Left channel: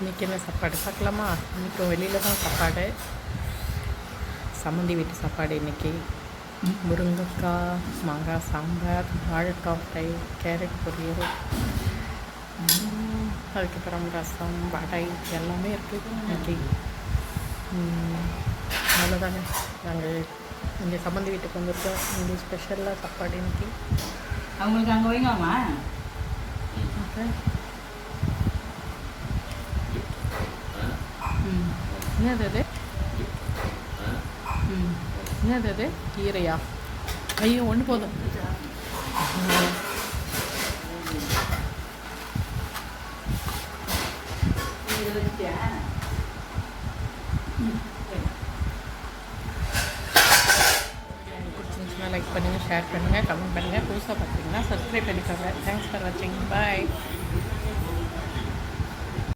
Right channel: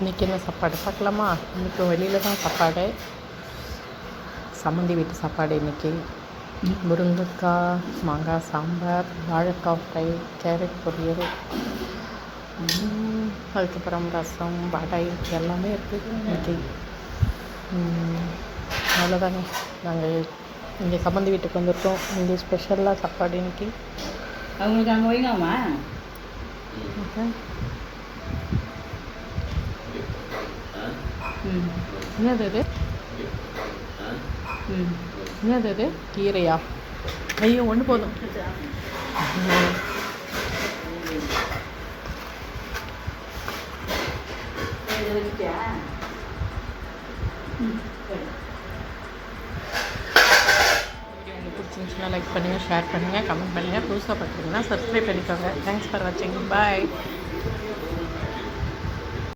இன்றைக்கி என்ன சாப்பாடு பார்க்கலாமா? இன்றைக்கி வெளியில் தான் சாப்பாடு. சம்மந்தி வீட்டு சாப்பாடு இன்றைக்கி. முருங்கைக்காய் மாங்காய் சாம்பார், வாழைக்காய் ஃப்ரை, கேரட் பொரியல், அதுக்கப்புறம் ரசம், வடை எல்லாமே இருக்குது இன்றைக்கி. அவ்வளோதாங்க. நாங்கள் இங்கே சம்மந்தி வீட்டுக்கு வந்திருக்கோம். இங்கே ஸ்பெஷலாக சாப்பாடு இன்றைக்கி. அவங்களுக்கு அங்கே வைங்கம்மா. ஓகே. என்னது அது? என்னது அது? கீரையா? ஐயோ, ஒன்று போதும். உங்களுக்கு பிடிச்சிருந்துச்சுன்னா லைக் பண்ணுங்கள், ஷேர் பண்ணுங்கள், கமெண்ட் பண்ணுங்கள். புதுசாக பார்க்குறீங்கன்னா சப்ஸ்கிரைப் பண்ணிக்கோங்க. தேங்க்ஸ் ஃபார் வாட்சிங். பாய்.